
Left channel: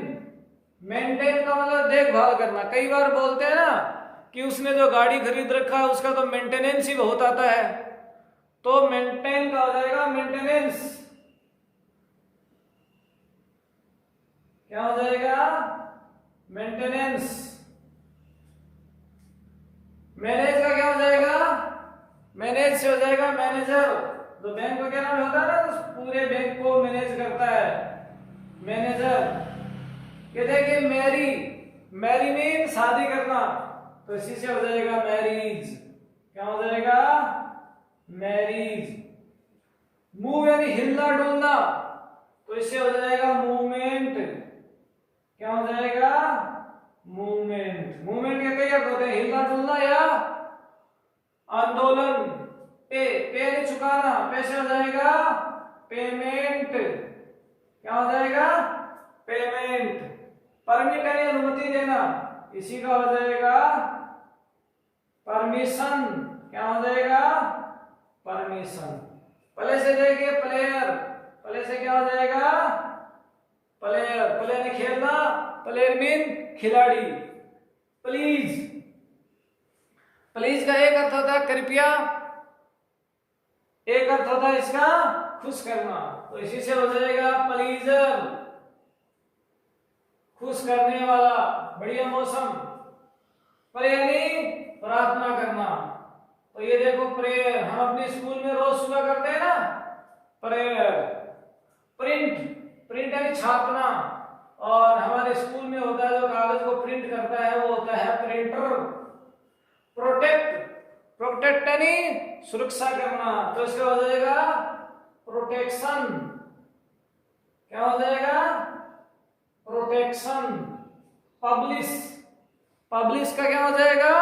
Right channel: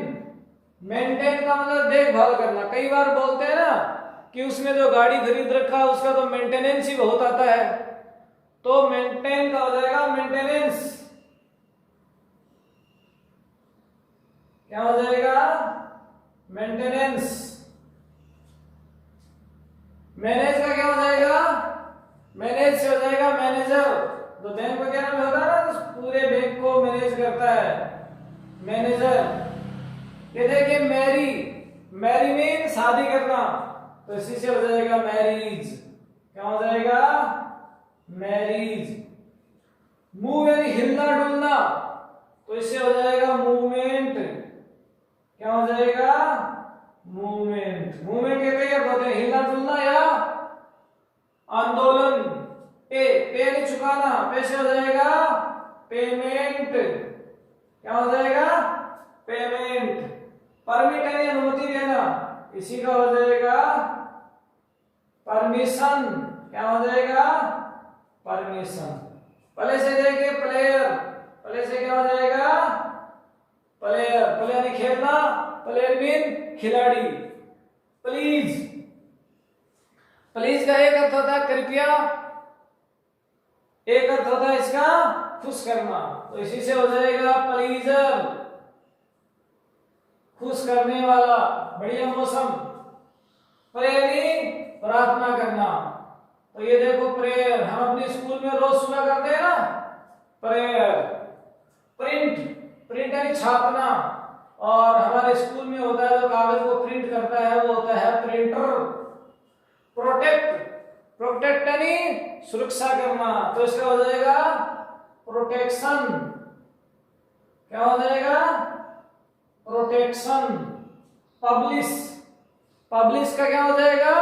मेंटेन का मतलब देखभाल करना। कई बार बोलते हैं ना कि उसने जो गाड़ी खरीद रखा है उसका तो मेंटेनेंस ही बहुत आता है, तो मेंटेन का हो जाएगा मेंटेनेंस। क्या हो जाएगा? मेंटेनेंस। मैनेज का क्या हो जाएगा? मैनेज से हो जाएगा मैनेजर। तो बैंक वगैरह में होता है ना, तो पूरे बैंक को मैनेज करता है, मैनेजर। ये देखिए मैरी, मैरी मीन शादी करना, तो इसी से हो जाएगा मैरिज। क्या हो जाएगा? मैरिज। मूव यानी हिलना डुलना, तो इससे हो जाएगा मूवमेंट। क्या हो जाएगा? मूवमेंट। मूवमेंट के कई अर्थ होते हैं, हिलना डुलना या आंदोलन। पे, पे नहीं चुकाना, पे से हो जाएगा पेमेंट। क्या हो जाएगा? पेमेंट। परमिट यानी अनुमति देना, इसी का हो जाएगा परमिशन। क्या हो जाएगा? परमिशन। प्ले से देखिए प्लेयर, प्ले से क्या हो जाएगा? प्लेयर। प्ले यानी खेलना, प्लेयर मीन खिलाड़ी। प्लीज, प्लीज का एक अर्थ होता है कृपया, एक अर्थ होता है इसका खुश करना, तो इसी से हो जाएगा प्लीजर, खुश करने वाला, बढ़िया मौसम। प्रे यानी प्रार्थना करना, तो ये देखो प्रेयर, हम अपनी स्कूल में रोज सुबह करते हैं ना प्रेयर। प्रिंट, प्रिंट यानी छापना, और हमारे स्कूल में होता है जो कागज को प्रिंट करता है वो होता है प्रिंटर। प्रोटेक्ट, प्रोटेक्ट यानी सुरक्षा करना, तो इसका हो जाएगा प्रोटेक्शन। क्या हो जाएगा? प्रोटेक्शन। पब्लिश, पब्लिश का क्या हो जाएगा?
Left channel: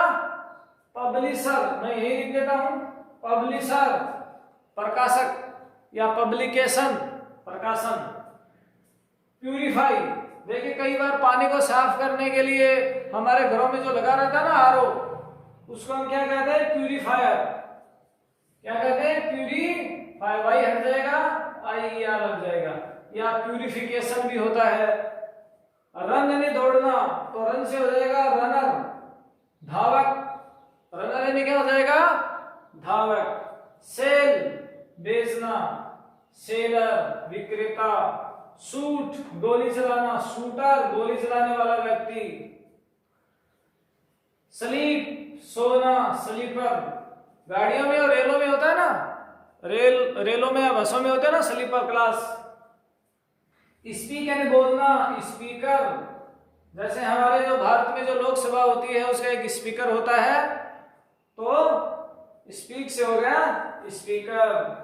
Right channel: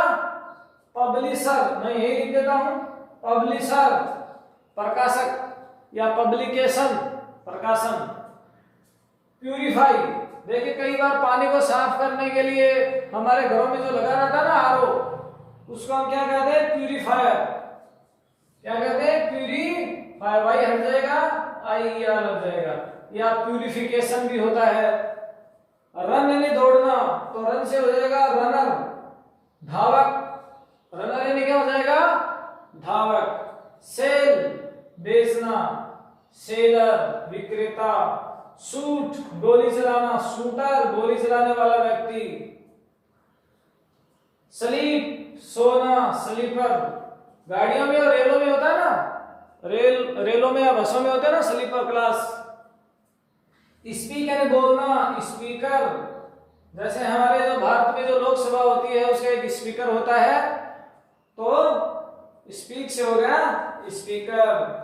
पब्लिशर। मैं यही लिख देता हूं, पब्लिशर, प्रकाशक या पब्लिकेशन, प्रकाशन। प्यूरिफाई, देखिए कई बार पानी को साफ करने के लिए हमारे घरों में जो लगा रहता है ना आरओ, उसको हम क्या कहते हैं? प्यूरिफायर। क्या कहते हैं? प्यूरीफायर। वाई हट जाएगा, आई आर लग जाएगा। या प्यूरिफिकेशन भी होता है। रन यानी दौड़ना, तो रन से हो जाएगा रनर, धावक। रनर यानी क्या हो जाएगा? धावक। सेल, बेचना, सेलर, विक्रेता। शूट गोली चलाना, शूटर गोली चलाने वाला व्यक्ति। स्लीप सोना, स्लीपर गाड़ियों में और रेलों में होता है ना, रेलों में या बसों में होता है ना स्लीपर क्लास। स्पीक यानी बोलना, स्पीकर जैसे हमारे जो भारत में जो लोकसभा होती है उसका एक स्पीकर होता है, तो स्पीक से हो गया स्पीकर।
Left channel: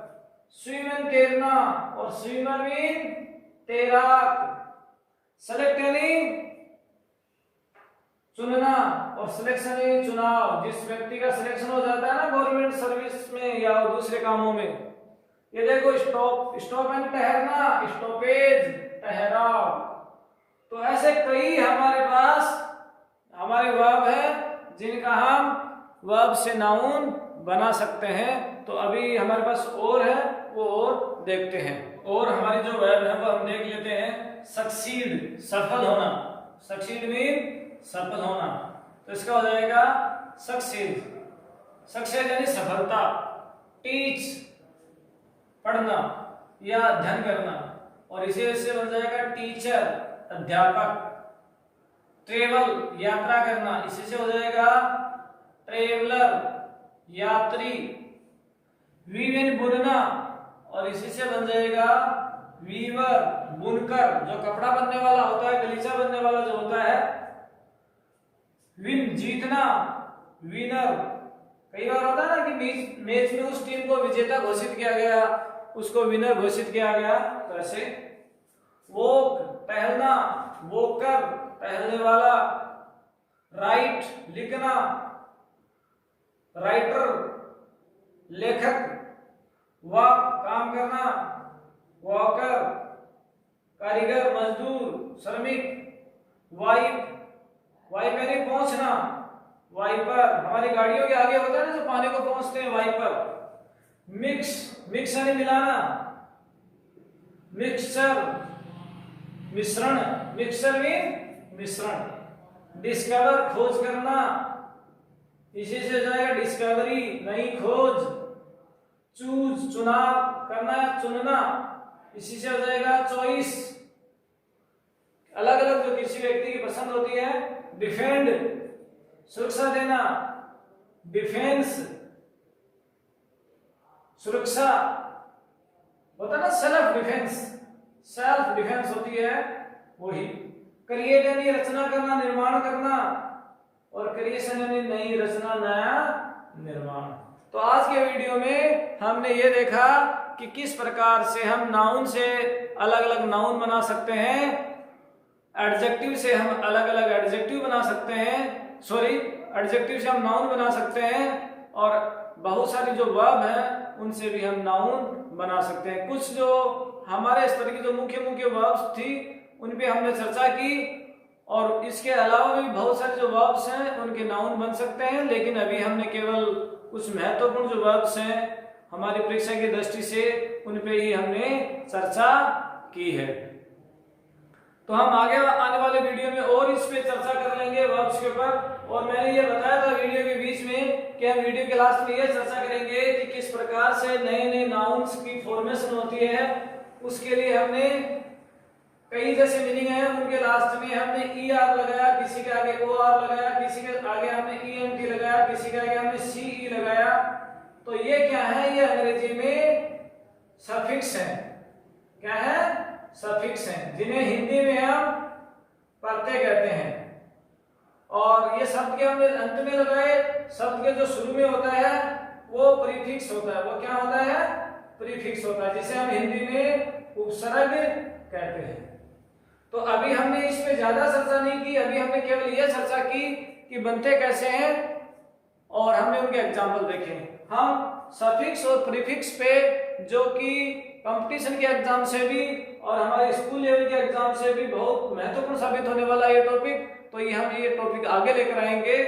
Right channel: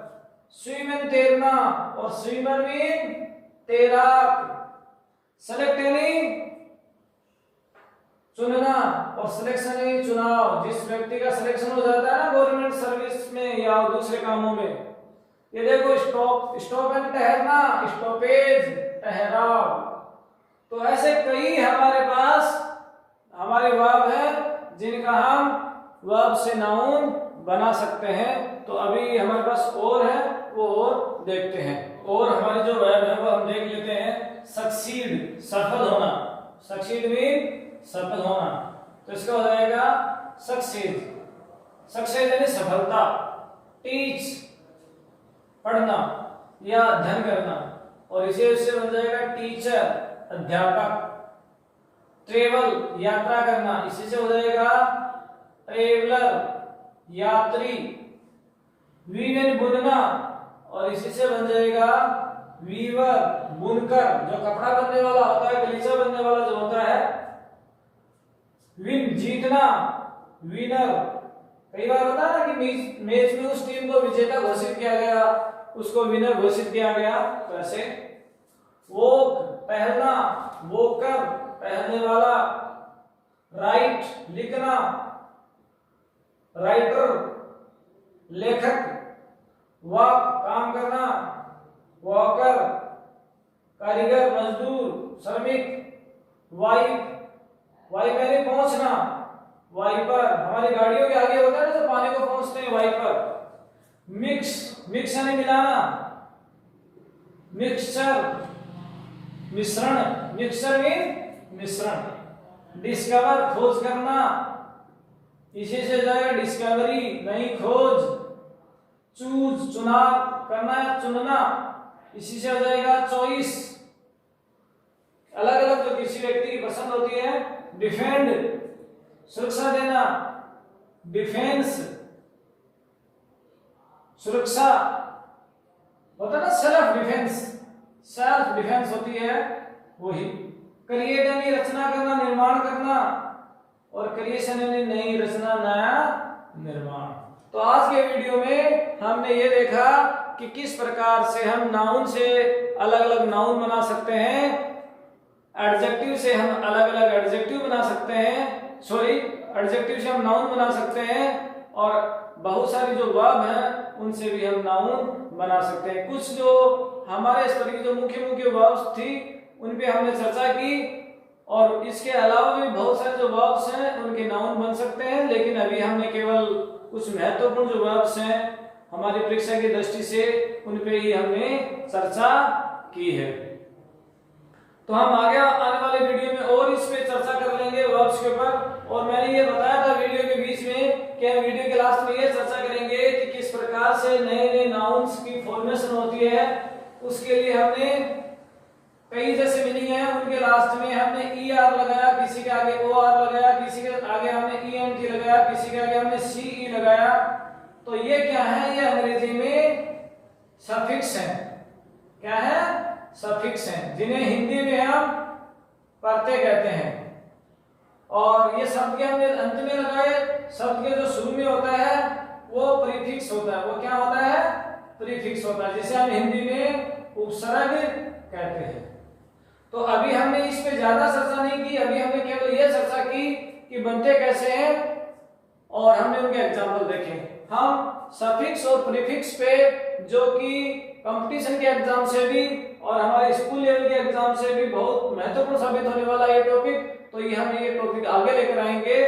स्विम यानी तैरना और स्विमर मीन तैराक। सेलेक्ट यानी चुनना और सिलेक्शन यानी चुनाव। जिस व्यक्ति का सिलेक्शन हो जाता है ना गवर्नमेंट सर्विस में या दूसरे कामों में। ये देखो स्टॉप, स्टॉप यानी ठहरना, स्टॉपेज ठहराव। तो ऐसे कई हमारे पास हमारे वर्ब है जिनका हम वर्ब से नाउन बना सकते हैं। तो अभी हमारे पास और है, वो और देखते हैं। और हमारी जो वर्ब है वो हम देख लेते हैं। सक्सीड सफल होना, सक्सीड मीन सफल होना, तो इसका हो जाएगा सक्सेस। सक्सेस यानी सफलता। टीच पढ़ना या अध्ययन करना, और इसे उससे बन जाएगा टीचर अध्यापक। ट्रेवल यात्रा करना, इसी से हो जाएगा ट्रेवलर यात्री। वीवन बुनना, और इसी से बन जाएगा वीवर बुनकर, जो कपड़ा बनने वाला होता है, गलीचा बनने वाला जो होता है। विन जीतना, विनर। कई बार होता है ना कि मैच में उस टीम को विजेता घोषित किया गया, उसको विनर घोषित किया गया, तो ऐसे। वॉक टहलना, वॉकर टहलने वाला। राइट लिखना, राइटर लेखक। वॉक काम करना, वॉकर कारीगर मजदूर श्रमिक। वाइप, वाइप यानी पहुंचना, वाइपर हमारी गाड़ियों के आगे होता है ना जो पानी को पहुंचते हैं, वाइपर। मिक्स, मिक्स यानी मिलाना, मिक्सचर मिश्रण, मिक्सचर में मिश्रण। डिस्कवर खोज करना, इसी से जाएगा डिस्कवरी नई खोज। चूज चुनाव करना, चुनना, इसी से हो जाएगा चॉइस। अलग अलग जो किसी व्यक्ति की पसंद होती है। डिफेंड सुरक्षा देना, डिफेंस सुरक्षा होता ना, सेल्फ डिफेंस, सेल्फ डिफेंस होती है वही। क्रिएट यानी रचना करना, निर्माण करना, और क्रिएशन यानी नई रचना, नया निर्माण। तो आज के वीडियो में हमने ये देखा कि किस प्रकार से हम नाउन से अलग अलग नाउन बना सकते हैं, एडजेक्टिव से हम अलग अलग एडजेक्टिव बना सकते हैं, सॉरी एडजेक्टिव से हम नाउन बना सकते हैं, और बहुत सारी जो वर्ब हैं उनसे भी हम नाउन बना सकते हैं। कुछ जो हमारे स्तर की जो मुख्य मुख्य वर्ब्स थी उन पे हमने चर्चा की, और इसके अलावा भी बहुत सारे जो वर्ब्स हैं उनके नाउन बन सकते हैं, लेकिन अभी हमने केवल कुछ महत्वपूर्ण जो वर्ब्स हैं हमारी परीक्षा की दृष्टि से उन पे ही हमने चर्चा की है। तो हम आगे आने वाले वीडियो में और इस पे चर्चा कर लेंगे वर्ब्स के ऊपर। और मैंने ये बताया था वीडियो के बीच में कि हम वीडियो के लास्ट में ये चर्चा करेंगे कि किस प्रकार से नए नए नाउन्स की फॉर्मेशन होती है। उसके लिए हमने कई जैसे मीनिंग है, उनके लास्ट में हमने ER लगाया, किसी के आगे OR लगाया, किसी के आगे हमने ENT लगाया, किसी के आगे हमने CE लगाया। तो ये क्या है? ये अंग्रेजी में सफिक्स है। क्या है? सफिक्स हैं, जिन्हें हिंदी में हम प्रत्यय कहते हैं। और ये शब्द के हमने अंत में लगाए, शब्द के जो शुरू में होता है वो प्रीफिक्स होता है। वो क्या होता है? प्रीफिक्स होता है, जिसे हम हिंदी में उपसर्ग कहते हैं। तो अभी हमने इस पे ज्यादा चर्चा नहीं की, अभी हमने केवल ये चर्चा की कि बनते कैसे हैं, और हमने उनके एग्जाम्पल देखे। हम सफिक्स और प्रीफिक्स पे जो कि कंपटीशन के एग्जाम से भी और हमारे स्कूल लेवल के एग्जाम से भी बहुत महत्वपूर्ण साबित होने वाला ये टॉपिक, तो ये हम ये टॉपिक आगे लेकर आएंगे।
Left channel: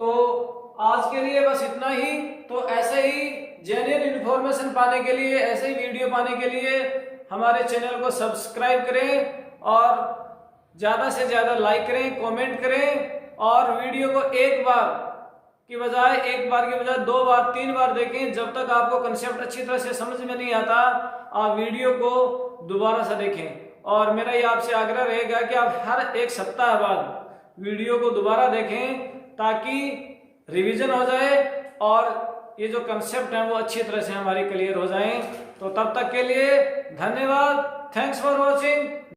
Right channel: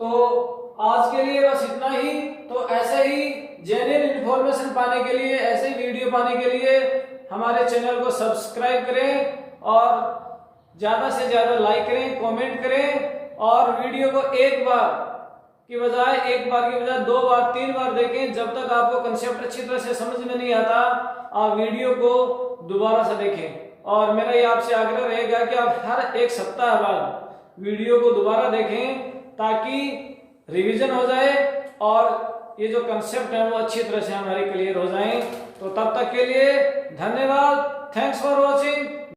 तो आज के लिए बस इतना ही। तो ऐसे ही जेन्युइन इंफॉर्मेशन पाने के लिए, ऐसे ही वीडियो पाने के लिए हमारे चैनल को सब्सक्राइब करें, और ज्यादा से ज्यादा लाइक करें, कमेंट करें, और वीडियो को एक बार की बजाय 2 बार, 3 बार देखें, जब तक आपको कंसेप्ट अच्छी तरह से समझ में नहीं आता। आप वीडियो को दोबारा से देखें। और मेरा ये आपसे आग्रह रहेगा कि आप हर एक सप्ताह बाद वीडियो को दोबारा देखें ताकि रिवीजन हो जाए और ये जो कंसेप्ट है वो अच्छी तरह से हमारे क्लियर हो जाएं। तो तब तक के लिए धन्यवाद। Thanks for watching.